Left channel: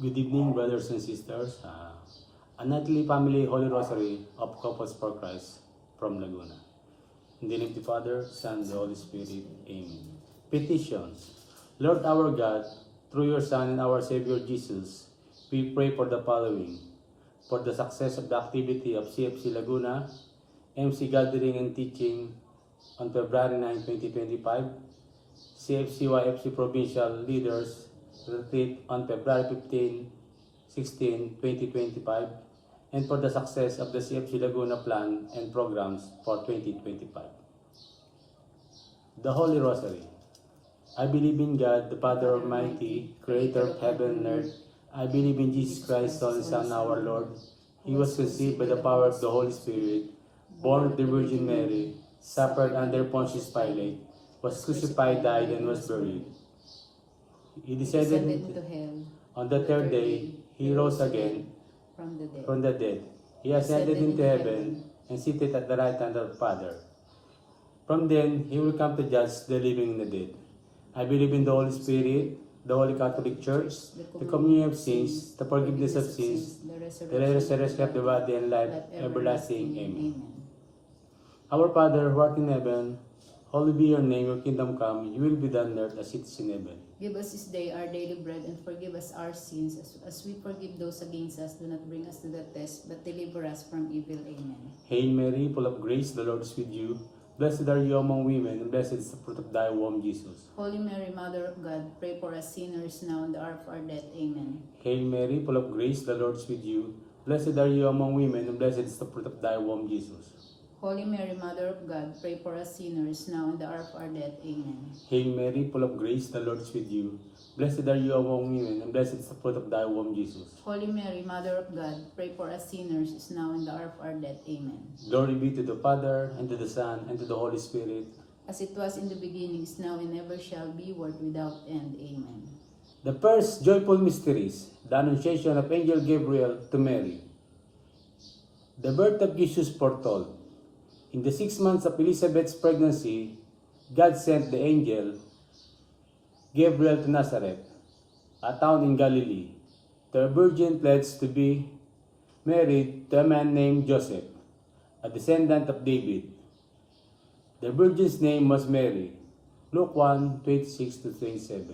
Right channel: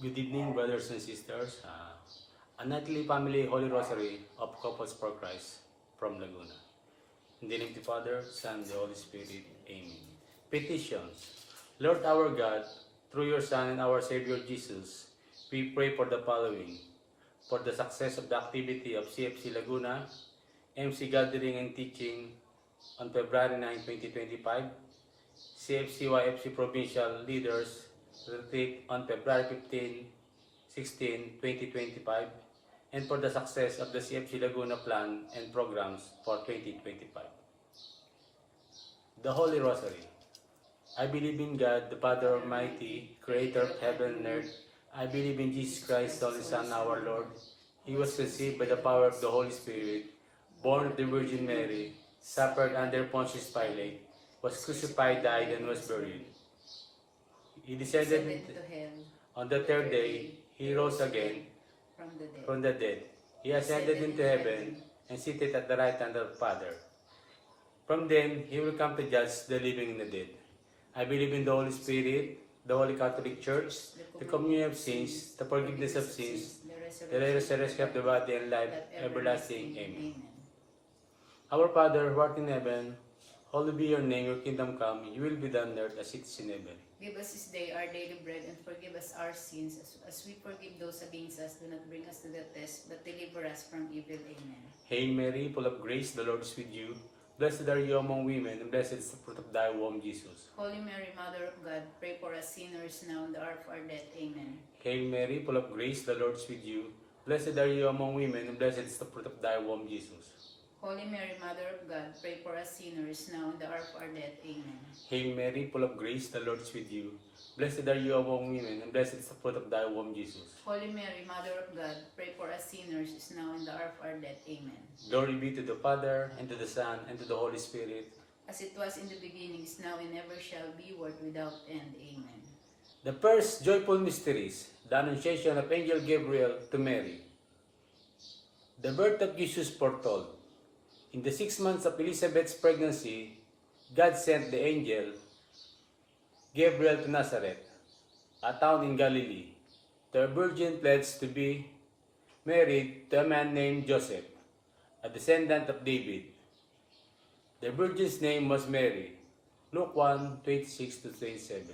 Good evening, brothers and sisters. A nightly family Holy Rosary of Couples for Christ from Laguna. In the name of the Father, Son, and the Holy Spirit. Amen. Petitions. Lord our God, through your Son and our Savior Jesus, we pray for the following. For the success of the activity of CFC Laguna, MC Gathering and Teaching on February 9, 2025, CFC-YFC Provincial Leaders Retreat on February 15, 16, 2025, and for the success of the CFC Laguna plan and programs for 2025. The Holy Rosary. I believe in God, the Father Almighty, creator of heaven and earth. I believe in Jesus Christ, only Son, our Lord. He was conceived by the power of the Holy Spirit, born of the Virgin Mary, suffered under Pontius Pilate, was crucified, died, and was buried. He descended into hell. On the third day, he rose again from the dead. He ascended into heaven and seated at the right hand of the Father. From then, he will come to judge the living and the dead. I believe in the Holy Spirit, the Holy Catholic Church, the communion of sins, the forgiveness of sins, the resurrection of the body and life everlasting. Amen. Our Father, who art in heaven, hallowed be your name, your kingdom come, your will be done on earth as it is in heaven. Give us this day our daily bread, and forgive us our sins as we forgive those against us. Do not bring us to the test, but deliver us from evil. Amen. Hail Mary, full of grace, the Lord is with you. Blessed are you among women, and blessed is the fruit of thy womb, Jesus. Holy Mary, Mother of God, pray for us sinners now and the hour of our death. Amen. Hail Mary, full of grace, the Lord is with you. Blessed are you among women, and blessed is the fruit of thy womb, Jesus. Holy Mary, Mother of God, pray for us sinners now and the hour of our death. Amen. Hail Mary, full of grace, the Lord is with you. Blessed are you among women, and blessed is the fruit of thy womb, Jesus. Holy Mary, Mother of God, pray for us sinners now and the hour of our death. Amen. Glory be to the Father, and to the Son, and to the Holy Spirit. As it was in the beginning, is now, and ever shall be, world without end. Amen. The first joyful mysteries, the Annunciation of Angel Gabriel to Mary. The birth of Jesus foretold. In the 6 months of Elizabeth's pregnancy, God sent the angel Gabriel to Nazareth, a town in Galilee, to a virgin pledged to be married to a man named Joseph, a descendant of David. The virgin's name was Mary. Luke 1, 26-27.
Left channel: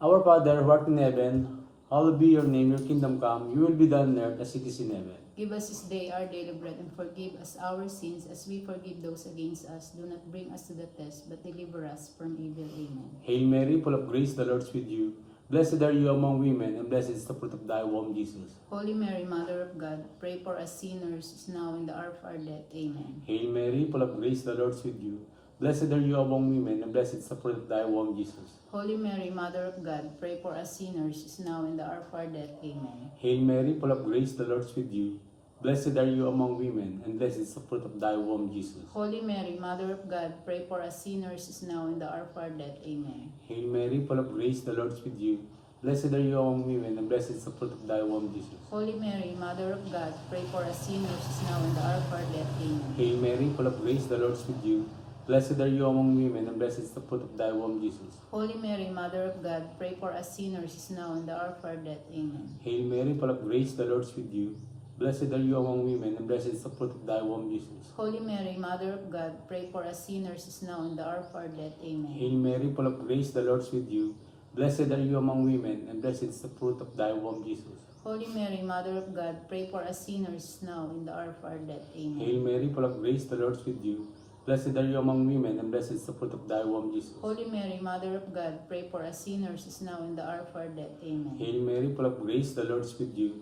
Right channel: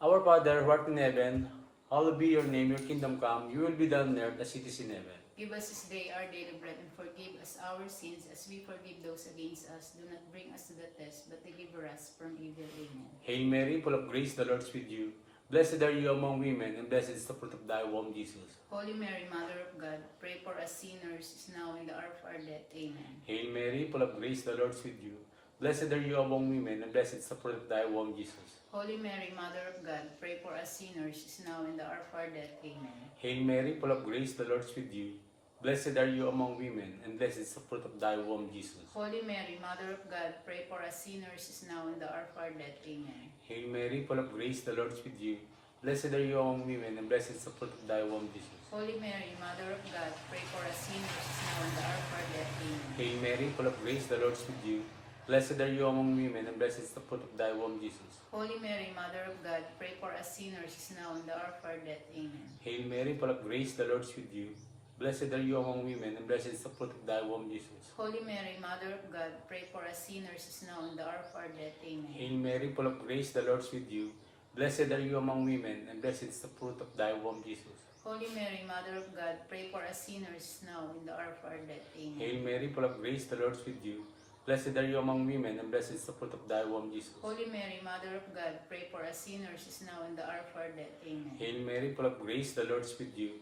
Our Father, who art in heaven, hallowed be your name, your kingdom come, your will be done on earth as it is in heaven. Give us this day our daily bread, and forgive us our sins as we forgive those against us. Do not bring us to the test, but deliver us from evil. Amen. Hail Mary, full of grace, the Lord is with you. Blessed are you among women, and blessed is the fruit of thy womb, Jesus. Holy Mary, Mother of God, pray for us sinners now and the hour of our death. Amen. Hail Mary, full of grace, the Lord is with you. Blessed are you among women, and blessed is the fruit of thy womb, Jesus. Holy Mary, Mother of God, pray for us sinners now and the hour of our death. Amen. Hail Mary, full of grace, the Lord is with you. Blessed are you among women, and blessed is the fruit of thy womb, Jesus. Holy Mary, Mother of God, pray for us sinners now and the hour of our death. Amen. Hail Mary, full of grace, the Lord is with you. Blessed are you among women, and blessed is the fruit of thy womb, Jesus. Holy Mary, Mother of God, pray for us sinners now and the hour of our death. Amen. Hail Mary, full of grace, the Lord is with you. Blessed are you among women, and blessed is the fruit of thy womb, Jesus. Holy Mary, Mother of God, pray for us sinners now and the hour of our death. Amen. Hail Mary, full of grace, the Lord is with you. Blessed are you among women, and blessed is the fruit of thy womb, Jesus. Holy Mary, Mother of God, pray for us sinners now and the hour of our death. Amen. Hail Mary, full of grace, the Lord is with you. Blessed are you among women, and blessed is the fruit of thy womb, Jesus. Holy Mary, Mother of God, pray for us sinners now and the hour of our death. Amen. Hail Mary, full of grace, the Lord is with you. Blessed are you among women, and blessed is the fruit of thy womb, Jesus. Holy Mary, Mother of God, pray for us sinners now and the hour of our death. Amen. Hail Mary, full of grace, the Lord is with you.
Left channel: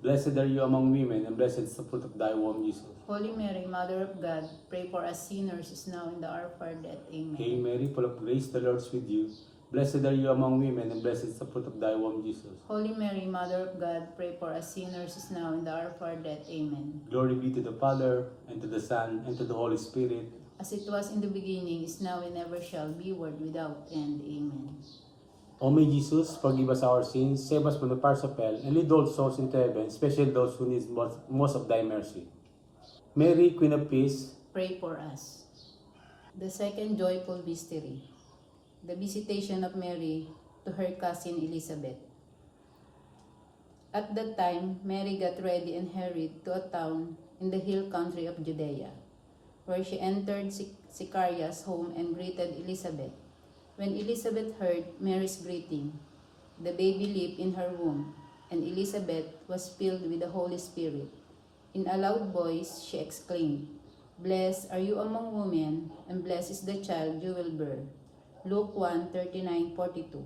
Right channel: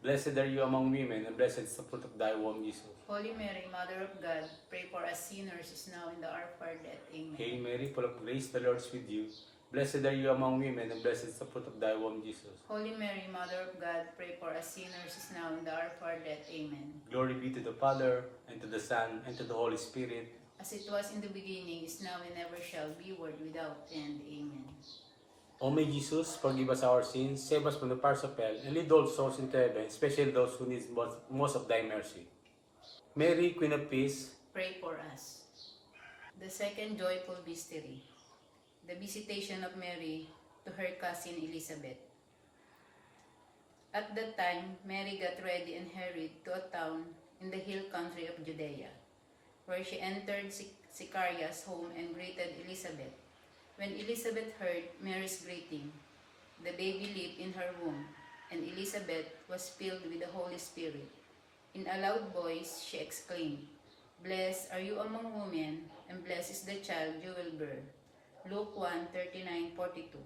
Blessed are you among women, and blessed is the fruit of thy womb, Jesus. Holy Mary, Mother of God, pray for us sinners now and the hour of our death. Amen. Hail Mary, full of grace, the Lord is with you. Blessed are you among women, and blessed is the fruit of thy womb, Jesus. Holy Mary, Mother of God, pray for us sinners now and the hour of our death. Amen. Glory be to the Father, and to the Son, and to the Holy Spirit. As it was in the beginning, is now, and ever shall be, world without end. Amen. O may Jesus, forgive us our sins, save us from the fires of hell, and lead all souls into heaven, especially those who need most of thy mercy. Mary, Queen of Peace, Pray for us. The second joyful mystery, the visitation of Mary to her cousin Elizabeth. At that time, Mary got ready and hurried to a town in the hill country of Judea, where she entered Zechariah's home and greeted Elizabeth. When Elizabeth heard Mary's greeting, the baby leaped in her womb, and Elizabeth was filled with the Holy Spirit. In a loud voice, she exclaimed, "Blessed are you among women, and blessed is the child you will bear." Luke 1:39-42.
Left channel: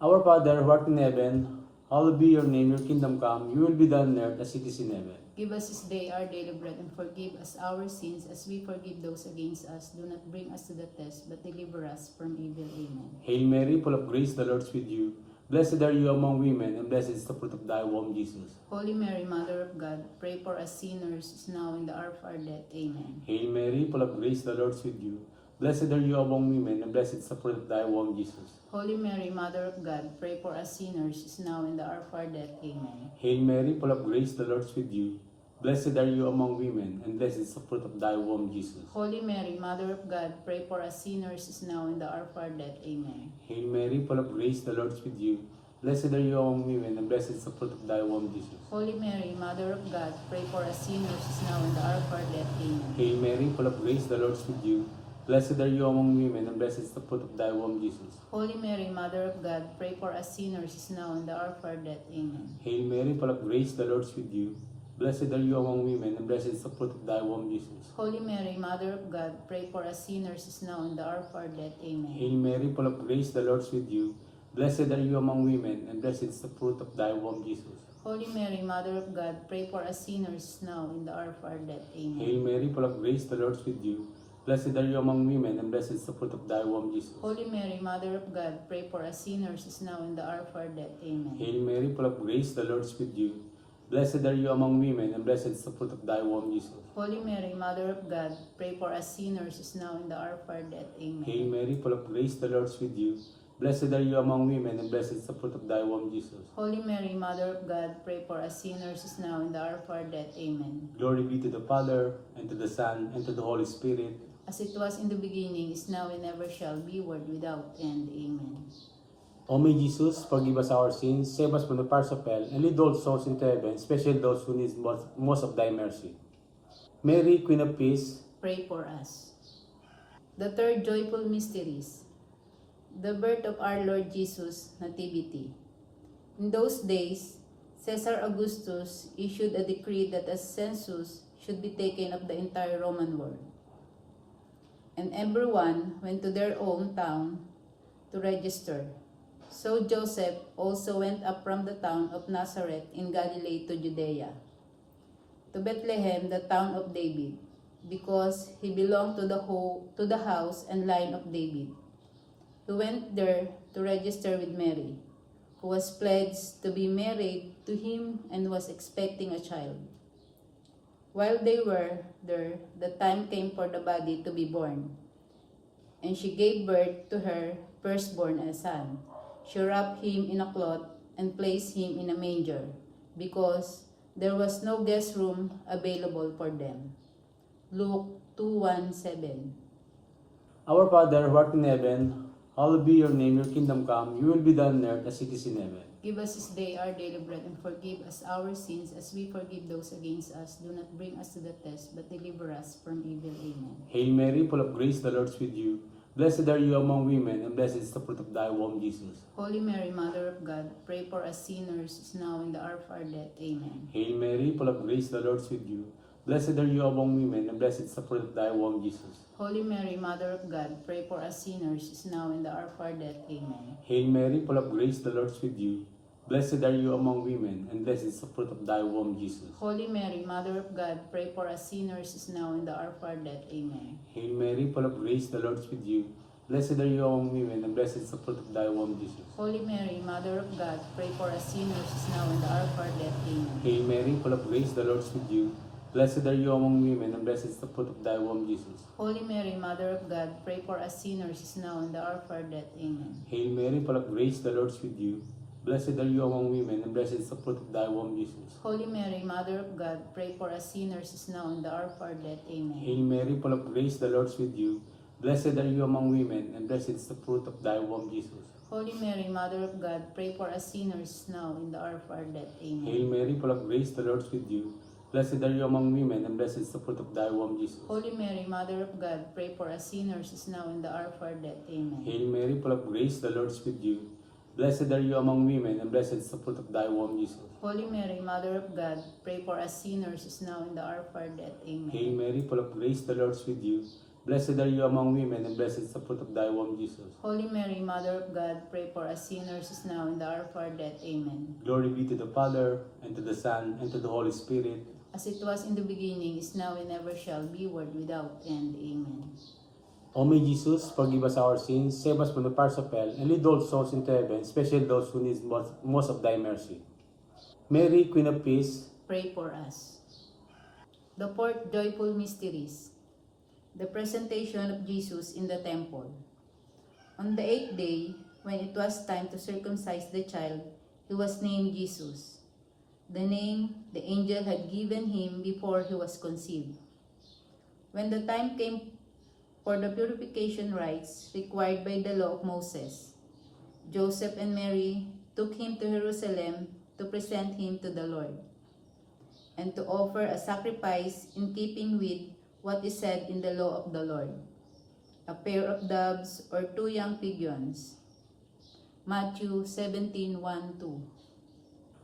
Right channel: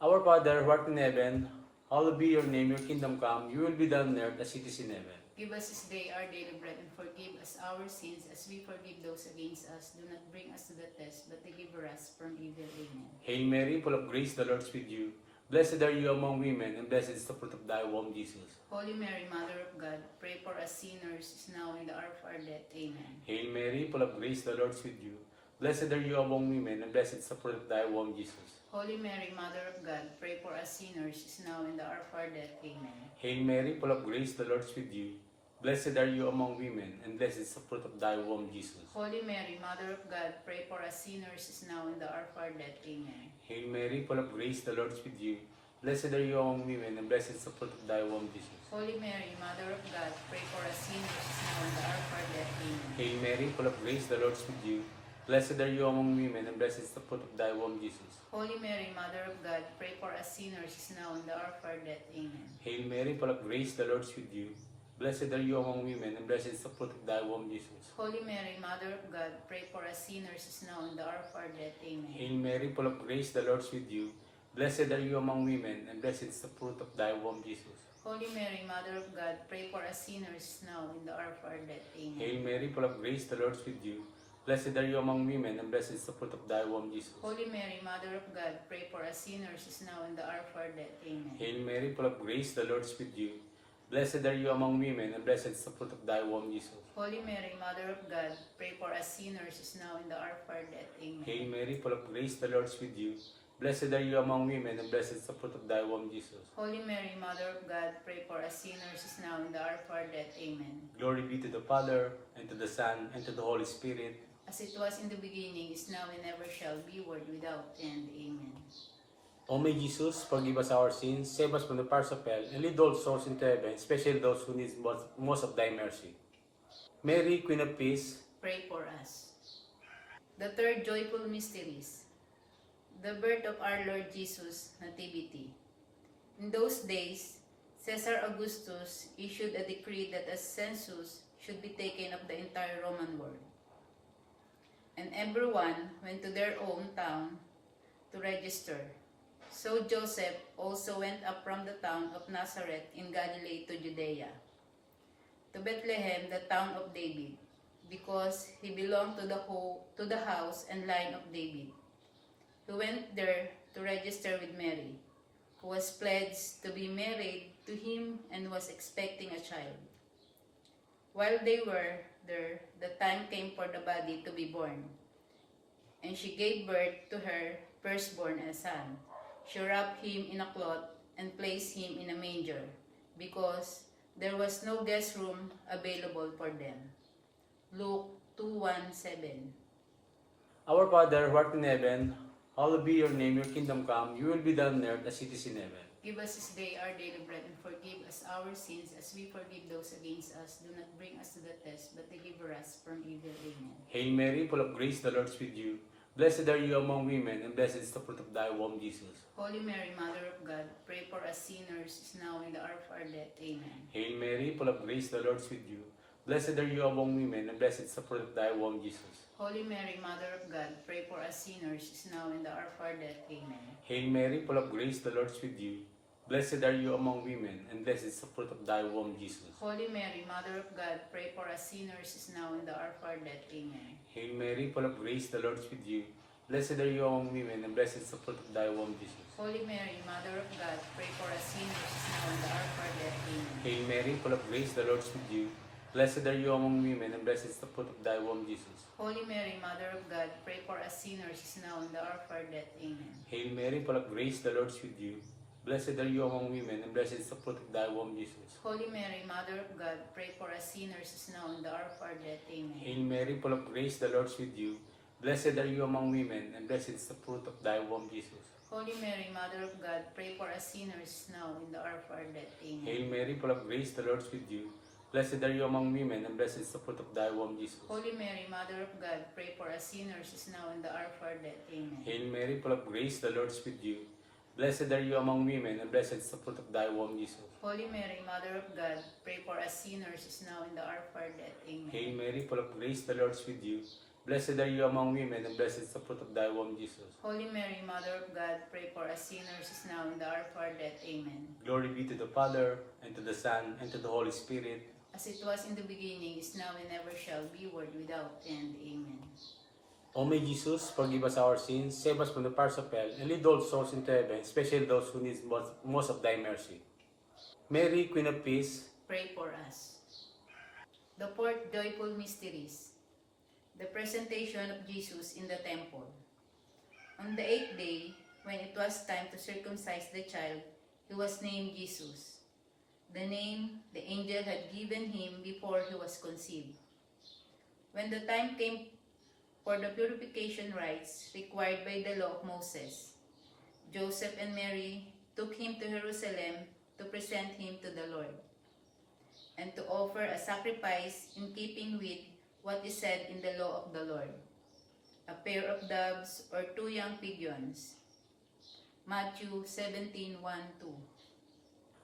Our Father, who art in heaven, hallowed be your name, your kingdom come, your will be done on earth as it is in heaven. Give us this day our daily bread, and forgive us our sins as we forgive those against us. Do not bring us to the test, but deliver us from evil. Amen. Hail Mary, full of grace, the Lord is with you. Blessed are you among women, and blessed is the fruit of thy womb, Jesus. Holy Mary, Mother of God, pray for us sinners now and the hour of our death. Amen. Hail Mary, full of grace, the Lord is with you. Blessed are you among women, and blessed is the fruit of thy womb, Jesus. Holy Mary, Mother of God, pray for us sinners now and the hour of our death. Amen. Hail Mary, full of grace, the Lord is with you. Blessed are you among women, and blessed is the fruit of thy womb, Jesus. Holy Mary, Mother of God, pray for us sinners now and the hour of our death. Amen. Hail Mary, full of grace, the Lord is with you. Blessed are you among women, and blessed is the fruit of thy womb, Jesus. Holy Mary, Mother of God, pray for us sinners now and the hour of our death. Amen. Hail Mary, full of grace, the Lord is with you. Blessed are you among women, and blessed is the fruit of thy womb, Jesus. Holy Mary, Mother of God, pray for us sinners now and the hour of our death. Amen. Hail Mary, full of grace, the Lord is with you. Blessed are you among women, and blessed is the fruit of thy womb, Jesus. Holy Mary, Mother of God, pray for us sinners now and the hour of our death. Amen. Hail Mary, full of grace, the Lord is with you. Blessed are you among women, and blessed is the fruit of thy womb, Jesus. Holy Mary, Mother of God, pray for us sinners now and the hour of our death. Amen. Hail Mary, full of grace, the Lord is with you. Blessed are you among women, and blessed is the fruit of thy womb, Jesus. Holy Mary, Mother of God, pray for us sinners now and the hour of our death. Amen. Hail Mary, full of grace, the Lord is with you. Blessed are you among women, and blessed is the fruit of thy womb, Jesus. Holy Mary, Mother of God, pray for us sinners now and the hour of our death. Amen. Hail Mary, full of grace, the Lord is with you. Blessed are you among women, and blessed is the fruit of thy womb, Jesus. Holy Mary, Mother of God, pray for us sinners now and the hour of our death. Amen. Glory be to the Father, and to the Son, and to the Holy Spirit. As it was in the beginning, is now, and ever shall be, world without end. Amen. O may Jesus, forgive us our sins, save us from the fires of hell, and lead all souls into heaven, especially those who need most of thy mercy. Mary, Queen of Peace, Pray for us. The third joyful mysteries, the birth of our Lord Jesus, Nativity. In those days, Caesar Augustus issued a decree that a census should be taken of the entire Roman world. And everyone went to their own town to register. So Joseph also went up from the town of Nazareth in Galilee to Judea, to Bethlehem, the town of David, because he belonged to the house and line of David. He went there to register with Mary, who was pledged to be married to him and was expecting a child. While they were there, the time came for the baby to be born, and she gave birth to her firstborn, a son. She wrapped him in a cloth and placed him in a manger, because there was no guest room available for them. Luke 2:1-7. our Father, who art in heaven, hallowed be your name, your kingdom come, your will be done on earth as it is in heaven. Give us this day our daily bread, and forgive us our sins as we forgive those against us. Do not bring us to the test, but deliver us from evil. Amen. Hail Mary, full of grace, the Lord is with you. Blessed are you among women, and blessed is the fruit of thy womb, Jesus. Holy Mary, Mother of God, pray for us sinners now and the hour of our death. Amen. Hail Mary, full of grace, the Lord is with you. Blessed are you among women, and blessed is the fruit of thy womb, Jesus. Holy Mary, Mother of God, pray for us sinners now and the hour of our death. Amen. Hail Mary, full of grace, the Lord is with you. Blessed are you among women, and blessed is the fruit of thy womb, Jesus. Holy Mary, Mother of God, pray for us sinners now and the hour of our death. Amen. Hail Mary, full of grace, the Lord is with you. Blessed are you among women, and blessed is the fruit of thy womb, Jesus. Holy Mary, Mother of God, pray for us sinners now and the hour of our death. Amen. Hail Mary, full of grace, the Lord is with you. Blessed are you among women, and blessed is the fruit of thy womb, Jesus. Holy Mary, Mother of God, pray for us sinners now and the hour of our death. Amen. Hail Mary, full of grace, the Lord is with you. Blessed are you among women, and blessed is the fruit of thy womb, Jesus. Holy Mary, Mother of God, pray for us sinners now and the hour of our death. Amen. Hail Mary, full of grace, the Lord is with you. Blessed are you among women, and blessed is the fruit of thy womb, Jesus. Holy Mary, Mother of God, pray for us sinners now and the hour of our death. Amen. Hail Mary, full of grace, the Lord is with you. Blessed are you among women, and blessed is the fruit of thy womb, Jesus. Holy Mary, Mother of God, pray for us sinners now and the hour of our death. Amen. Hail Mary, full of grace, the Lord is with you. Blessed are you among women, and blessed is the fruit of thy womb, Jesus. Holy Mary, Mother of God, pray for us sinners now and the hour of our death. Amen. Hail Mary, full of grace, the Lord is with you. Blessed are you among women, and blessed is the fruit of thy womb, Jesus. Holy Mary, Mother of God, pray for us sinners now and the hour of our death. Amen. Glory be to the Father, and to the Son, and to the Holy Spirit. As it was in the beginning, is now, and ever shall be, world without end. Amen. O may Jesus, forgive us our sins, save us from the fires of hell, and lead all souls into heaven, especially those who need most of thy mercy. Mary, Queen of Peace, Pray for us. The fourth joyful mysteries, the presentation of Jesus in the temple. On the 8th day, when it was time to circumcise the child, he was named Jesus, the name the angel had given him before he was conceived. When the time came for the purification rites required by the law of Moses, Joseph and Mary took him to Jerusalem to present him to the Lord, and to offer a sacrifice in keeping with what is said in the law of the Lord, a pair of doves or 2 young pigeons. Matthew 17:1-2.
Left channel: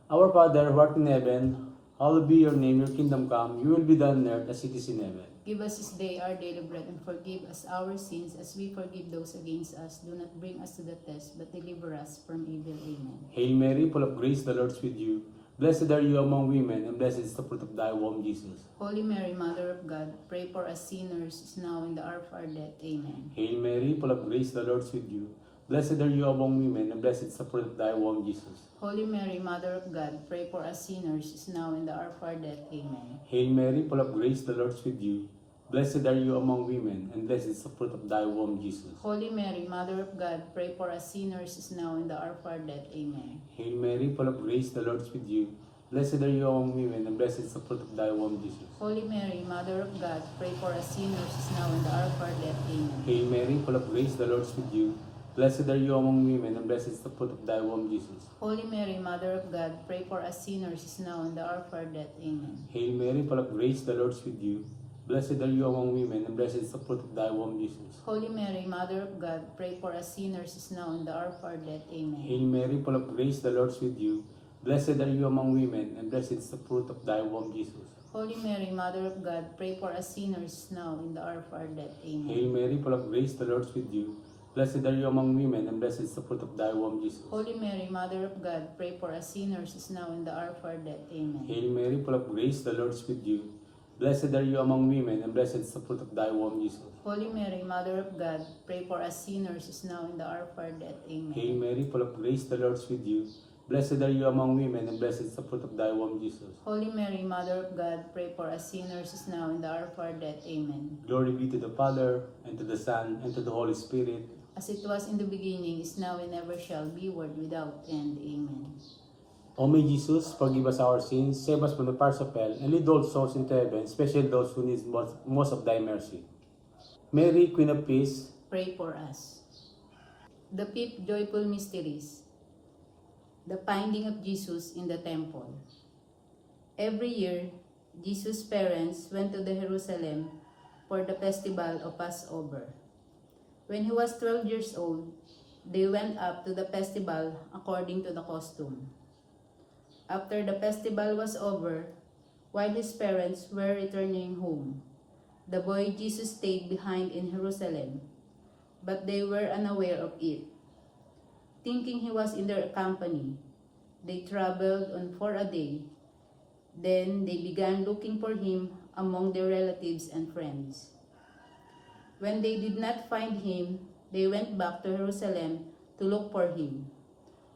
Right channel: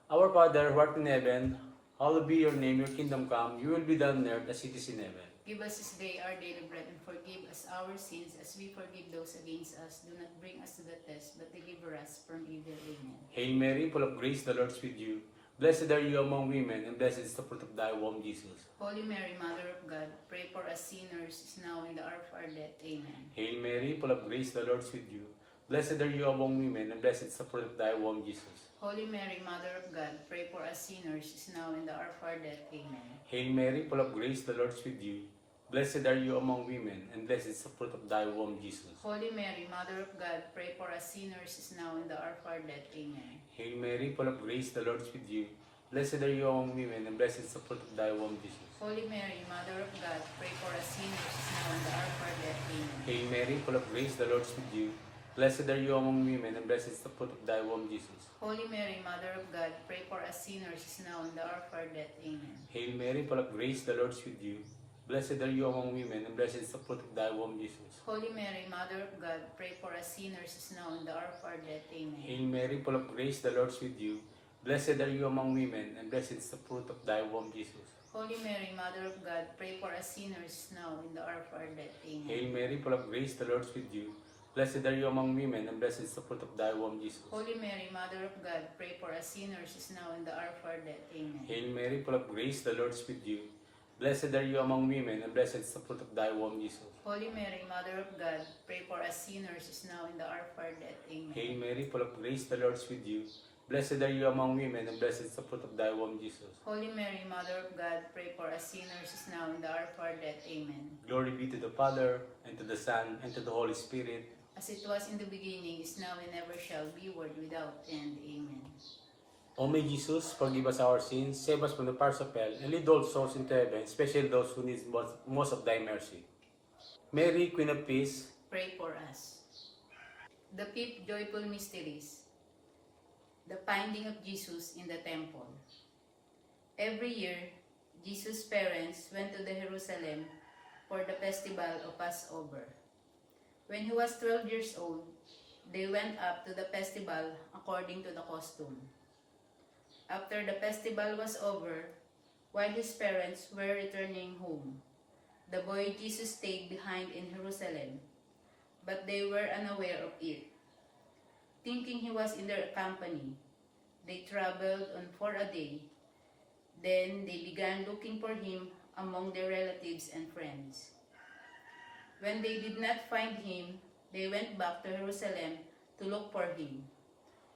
Our Father, who art in heaven, hallowed be your name, your kingdom come, your will be done on earth as it is in heaven. Give us this day our daily bread, and forgive us our sins as we forgive those against us. Do not bring us to the test, but deliver us from evil. Amen. Hail Mary, full of grace, the Lord is with you. Blessed are you among women, and blessed is the fruit of thy womb, Jesus. Holy Mary, Mother of God, pray for us sinners now and the hour of our death. Amen. Hail Mary, full of grace, the Lord is with you. Blessed are you among women, and blessed is the fruit of thy womb, Jesus. Holy Mary, Mother of God, pray for us sinners now and the hour of our death. Amen. Hail Mary, full of grace, the Lord is with you. Blessed are you among women, and blessed is the fruit of thy womb, Jesus. Holy Mary, Mother of God, pray for us sinners now and the hour of our death. Amen. Hail Mary, full of grace, the Lord is with you. Blessed are you among women, and blessed is the fruit of thy womb, Jesus. Holy Mary, Mother of God, pray for us sinners now and the hour of our death. Amen. Hail Mary, full of grace, the Lord is with you. Blessed are you among women, and blessed is the fruit of thy womb, Jesus. Holy Mary, Mother of God, pray for us sinners now and the hour of our death. Amen. Hail Mary, full of grace, the Lord is with you. Blessed are you among women, and blessed is the fruit of thy womb, Jesus. Holy Mary, Mother of God, pray for us sinners now and the hour of our death. Amen. Hail Mary, full of grace, the Lord is with you. Blessed are you among women, and blessed is the fruit of thy womb, Jesus. Holy Mary, Mother of God, pray for us sinners now and the hour of our death. Amen. Hail Mary, full of grace, the Lord is with you. Blessed are you among women, and blessed is the fruit of thy womb, Jesus. Holy Mary, Mother of God, pray for us sinners now and the hour of our death. Amen. Hail Mary, full of grace, the Lord is with you. Blessed are you among women, and blessed is the fruit of thy womb, Jesus. Holy Mary, Mother of God, pray for us sinners now and the hour of our death. Amen. Hail Mary, full of grace, the Lord is with you. Blessed are you among women, and blessed is the fruit of thy womb, Jesus. Holy Mary, Mother of God, pray for us sinners now and the hour of our death. Amen. Glory be to the Father, and to the Son, and to the Holy Spirit. As it was in the beginning, is now, and ever shall be, world without end. Amen. O may Jesus, forgive us our sins, save us from the fires of hell, and lead all souls into heaven, especially those who need most of thy mercy. Mary, Queen of Peace, Pray for us. The fifth joyful mysteries, the finding of Jesus in the temple. Every year, Jesus' parents went to the Jerusalem for the festival of Passover. When he was 12 years old, they went up to the festival according to the custom. After the festival was over, while his parents were returning home, the boy Jesus stayed behind in Jerusalem, but they were unaware of it. Thinking he was in their company, they traveled on for a day. Then they began looking for him among their relatives and friends. When they did not find him, they went back to Jerusalem to look for him.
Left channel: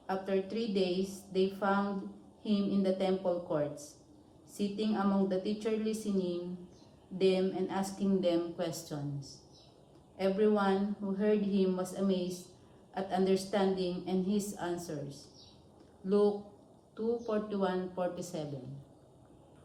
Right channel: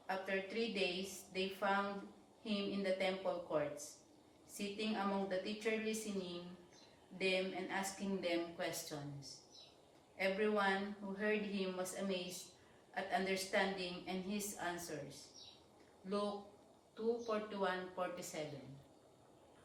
After 3 days, they found him in the temple courts, sitting among the teachers, listening them and asking them questions. Everyone who heard him was amazed at understanding and his answers. Luke 2:41-47.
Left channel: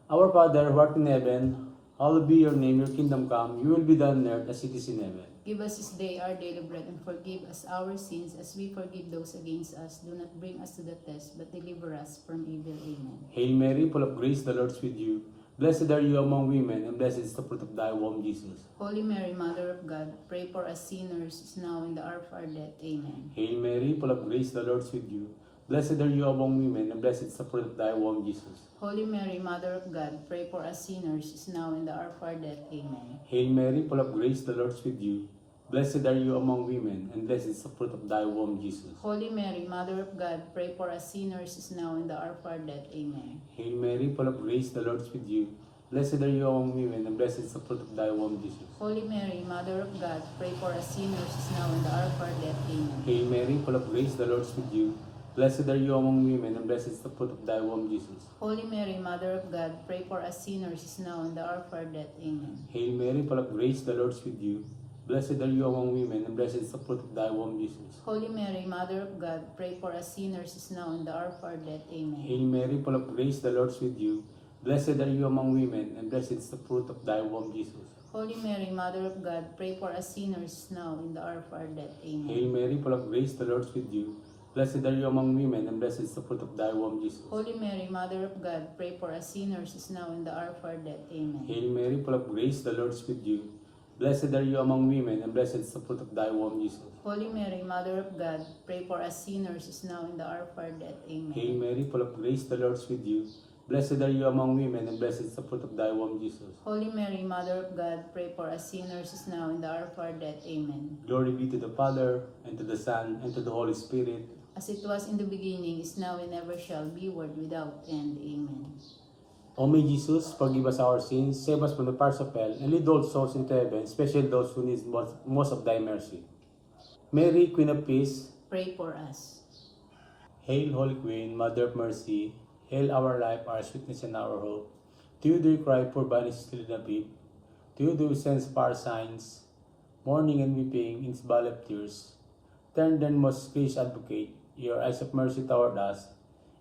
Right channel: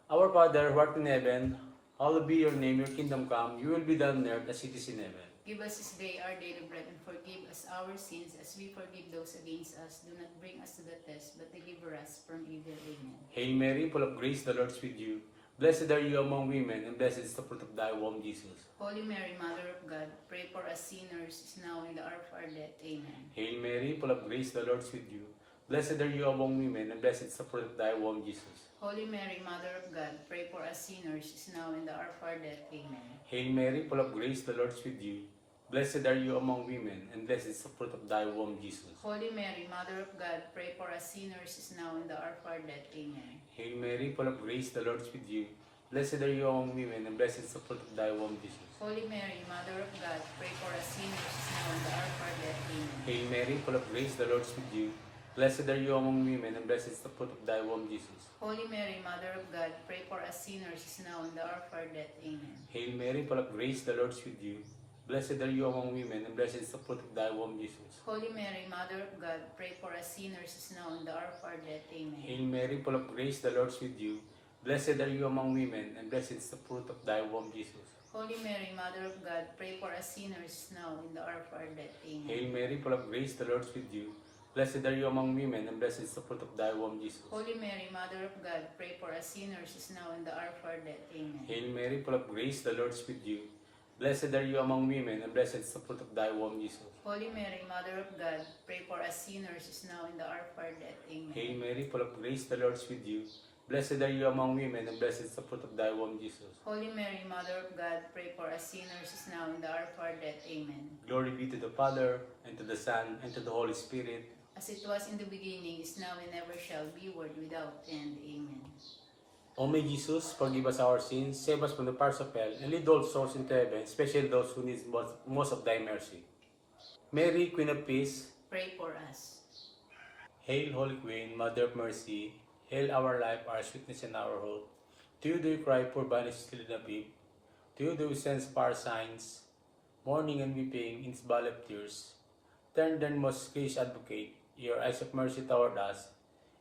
Our Father, who art in heaven, hallowed be your name, your kingdom come, your will be done on earth as it is in heaven. Give us this day our daily bread, and forgive us our sins as we forgive those against us. Do not bring us to the test, but deliver us from evil. Amen. Hail Mary, full of grace, the Lord is with you. Blessed are you among women, and blessed is the fruit of thy womb, Jesus. Holy Mary, Mother of God, pray for us sinners, now and the hour of our death. Amen. Hail Mary, full of grace, the Lord is with you. Blessed are you among women, and blessed is the fruit of thy womb, Jesus. Holy Mary, Mother of God, pray for us sinners, now and the hour of our death. Amen. Hail Mary, full of grace, the Lord is with you. Blessed are you among women, and blessed is the fruit of thy womb, Jesus. Holy Mary, Mother of God, pray for us sinners, now and the hour of our death. Amen. Hail Mary, full of grace, the Lord is with you. Blessed are you among women, and blessed is the fruit of thy womb, Jesus. Holy Mary, Mother of God, pray for us sinners, now and the hour of our death. Amen. Hail Mary, full of grace, the Lord is with you. Blessed are you among women, and blessed is the fruit of thy womb, Jesus. Holy Mary, Mother of God, pray for us sinners, now and the hour of our death. Amen. Hail Mary, full of grace, the Lord is with you. Blessed are you among women, and blessed is the fruit of thy womb, Jesus. Holy Mary, Mother of God, pray for us sinners, now and the hour of our death. Amen. Hail Mary, full of grace, the Lord is with you. Blessed are you among women, and blessed is the fruit of thy womb, Jesus. Holy Mary, Mother of God, pray for us sinners, now and the hour of our death. Amen. Hail Mary, full of grace, the Lord is with you. Blessed are you among women, and blessed is the fruit of thy womb, Jesus. Holy Mary, Mother of God, pray for us sinners, now and the hour of our death. Amen. Hail Mary, full of grace, the Lord is with you. Blessed are you among women, and blessed is the fruit of thy womb, Jesus. Holy Mary, Mother of God, pray for us sinners, now and the hour of our death. Amen. Hail Mary, full of grace, the Lord is with you. Blessed are you among women, and blessed is the fruit of thy womb, Jesus. Holy Mary, Mother of God, pray for us sinners, now and the hour of our death. Amen. Glory be to the Father, and to the Son, and to the Holy Spirit. As it was in the beginning, is now, and ever shall be, world without end. Amen. O may Jesus, forgive us our sins, save us from the fires of hell, and lead all souls into heaven, especially those who need most of thy mercy. Mary, Queen of Peace, Pray for us. Hail, Holy Queen, Mother of Mercy, hail our life, our sweetness, and our hope. To you do we cry, poor banished still in the deep. To you do we send our signs, mourning and weeping in this valley of tears. Turn then, most gracious Advocate, your eyes of mercy toward us,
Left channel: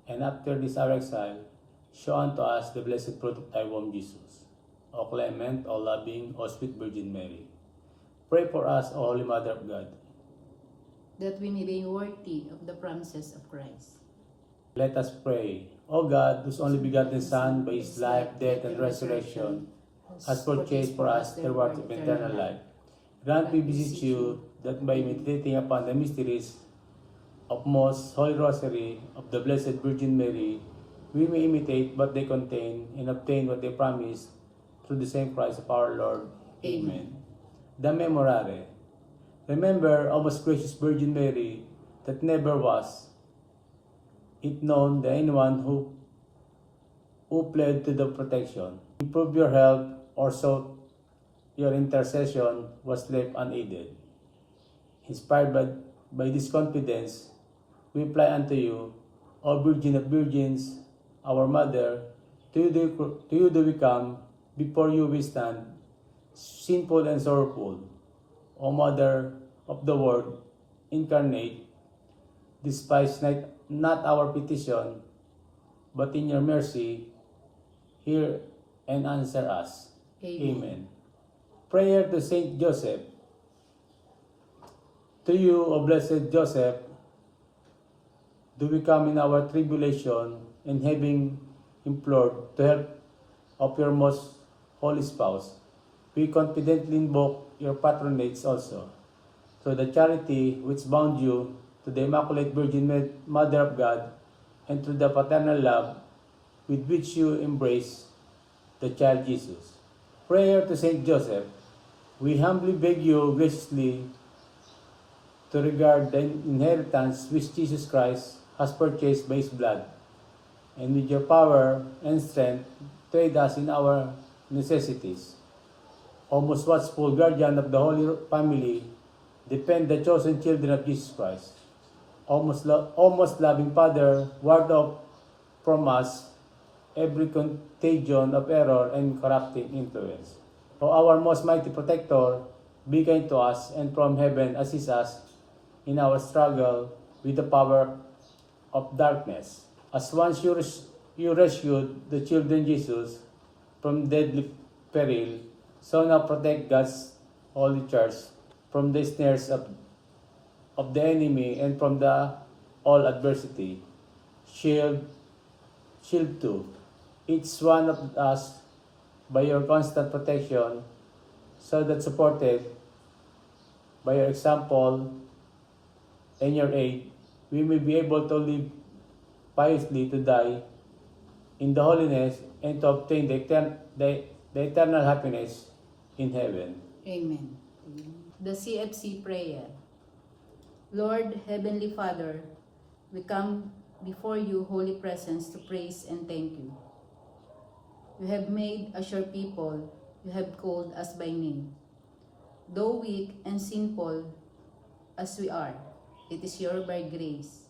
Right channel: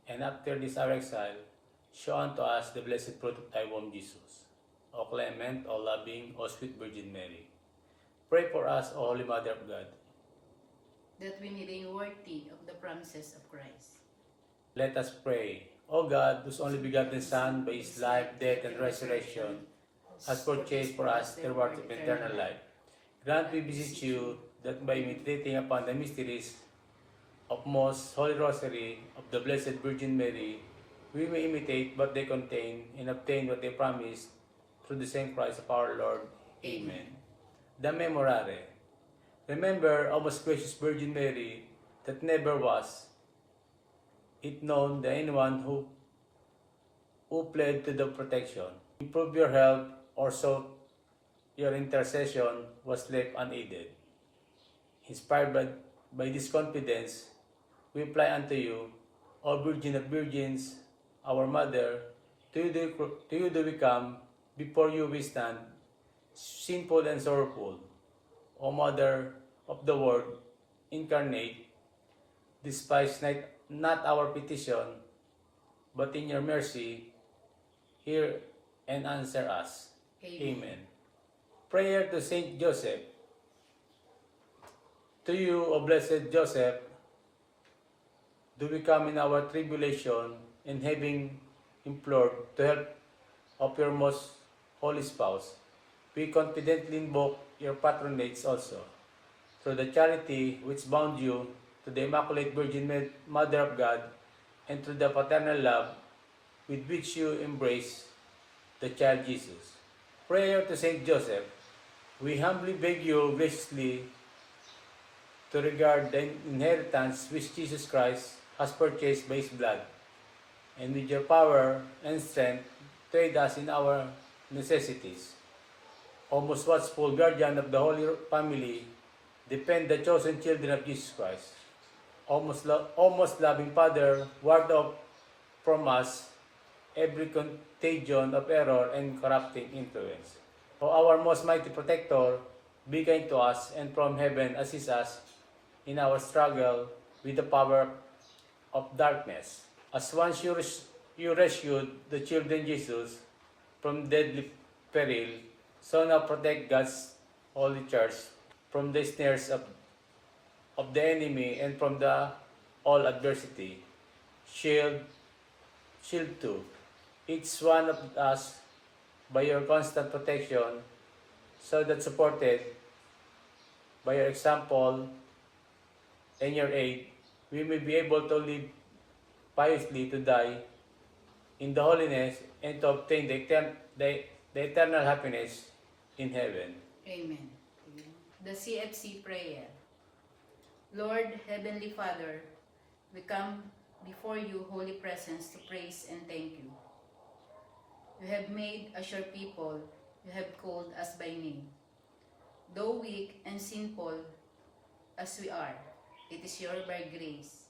and after this our exile, show unto us the blessed fruit of thy womb, Jesus. O clement, O loving, O sweet Virgin Mary, pray for us, O Holy Mother of God. That we may be worthy of the promises of Christ. Let us pray. O God, whose only begotten Son, by his life, death, and resurrection, has purchased for us the reward of eternal life, grant, we beseech you, that by meditating upon the mysteries of most Holy Rosary of the Blessed Virgin Mary, we may imitate what they contain and obtain what they promise through the same Christ of our Lord. Amen. The Memorare. Remember, O most gracious Virgin Mary, that never was it known that anyone who pled to the protection, improved your health, or sought your intercession was left unaided. Inspired by this confidence, we apply unto you, O Virgin of Virgins, our Mother. To you do we come, before you we stand, sinful and sorrowful. O Mother of the Word incarnate, despise not our petition, but in your mercy, hear and answer us. Amen. Prayer to Saint Joseph. To you, O blessed Joseph, do we come in our tribulation, and having implored the help of your most holy spouse, we confidently invoke your patronage also, through the charity which bound you to the Immaculate Virgin Mother of God, and through the paternal love with which you embrace the child Jesus. Prayer to Saint Joseph. We humbly beg you graciously to regard the inheritance which Jesus Christ has purchased by his blood, and with your power and strength, to aid us in our necessities. O most watchful guardian of the Holy Family, defend the chosen children of Jesus Christ. O most loving Father, ward off from us every contagion of error and corrupting influence. O our most mighty protector, be kind to us, and from heaven assist us in our struggle with the power of darkness. As once you rescued the children Jesus from deadly peril, so now protect God's holy church from the snares of the enemy and from the all adversity. Shield too, each one of us by your constant protection, so that supported by your example and your aid, we may be able to live piously, to die in the holiness, and to obtain the eternal happiness in heaven. Amen. The CFC prayer. Lord, Heavenly Father, we come before you, holy presence, to praise and thank you. You have made us your people, you have called us by name. Though weak and sinful as we are, it is your by grace,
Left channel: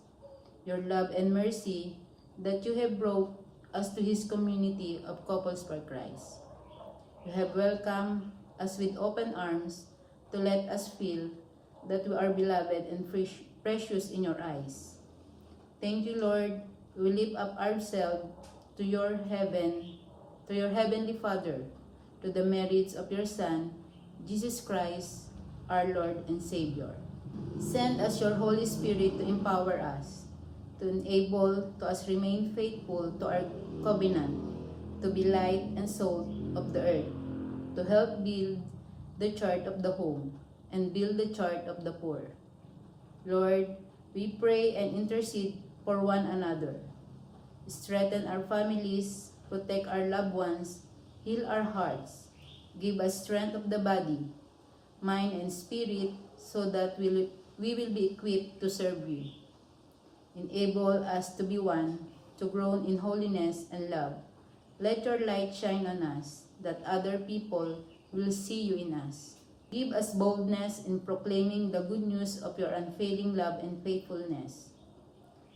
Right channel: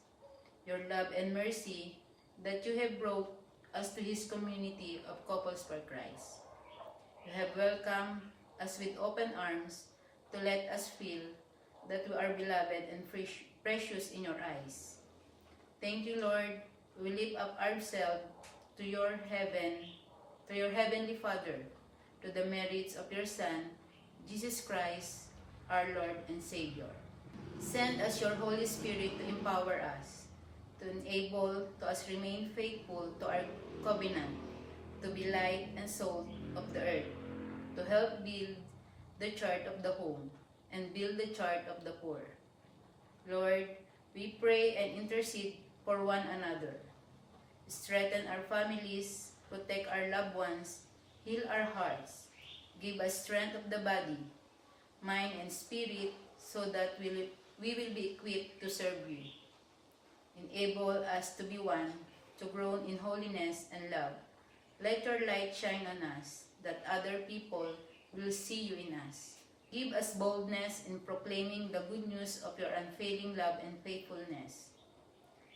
your love and mercy, that you have brought us to his community of couples for Christ. You have welcomed us with open arms to let us feel that we are beloved and precious in your eyes. Thank you, Lord. We lift up ourselves to your heavenly Father, to the merits of your Son, Jesus Christ, our Lord and Savior. Send us your Holy Spirit to empower us, to enable to us remain faithful to our covenant, to be light and salt of the earth, to help build the church of the home and build the church of the poor. Lord, we pray and intercede for one another. Strengthen our families, protect our loved ones, heal our hearts, give us strength of the body, mind, and spirit, so that we will be equipped to serve you. Enable us to be one, to grow in holiness and love. Let your light shine on us, that other people will see you in us. Give us boldness in proclaiming the good news of your unfailing love and faithfulness.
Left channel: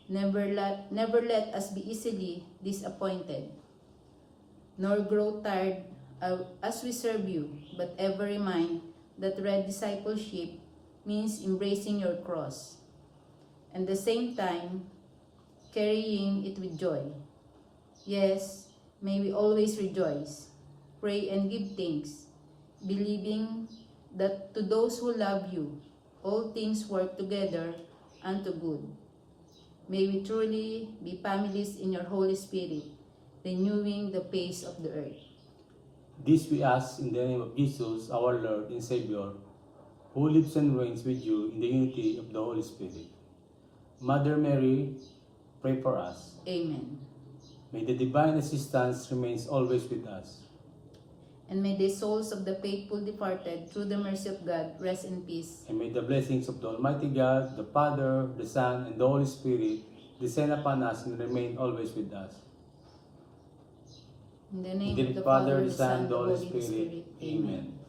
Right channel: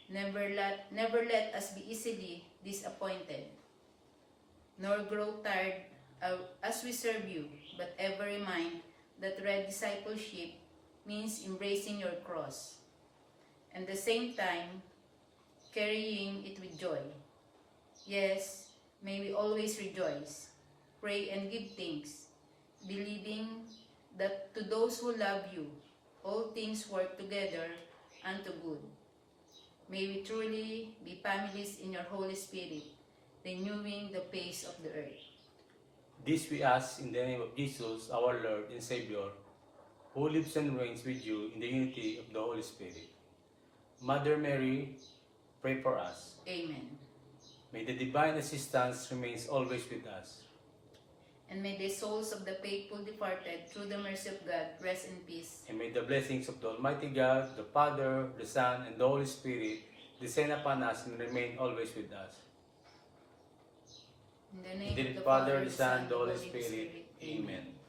Never let us be easily disappointed, nor grow tired as we serve you, but ever remind that red discipleship means embracing your cross, and at the same time, carrying it with joy. Yes, may we always rejoice, pray and give thanks, believing that to those who love you, all things work together unto good. May we truly be families in your Holy Spirit, renewing the face of the earth. This we ask in the name of Jesus, our Lord and Savior, who lives and reigns with you in the unity of the Holy Spirit. Mother Mary, pray for us. Amen. May the divine assistance remains always with us. And may the souls of the faithful departed, through the mercy of God, rest in peace. And may the blessings of the Almighty God, the Father, the Son, and the Holy Spirit descend upon us and remain always with us. In the name In of the the Father, Father, the the Son, Son, and and the the Holy Holy Spirit. Spirit. Amen.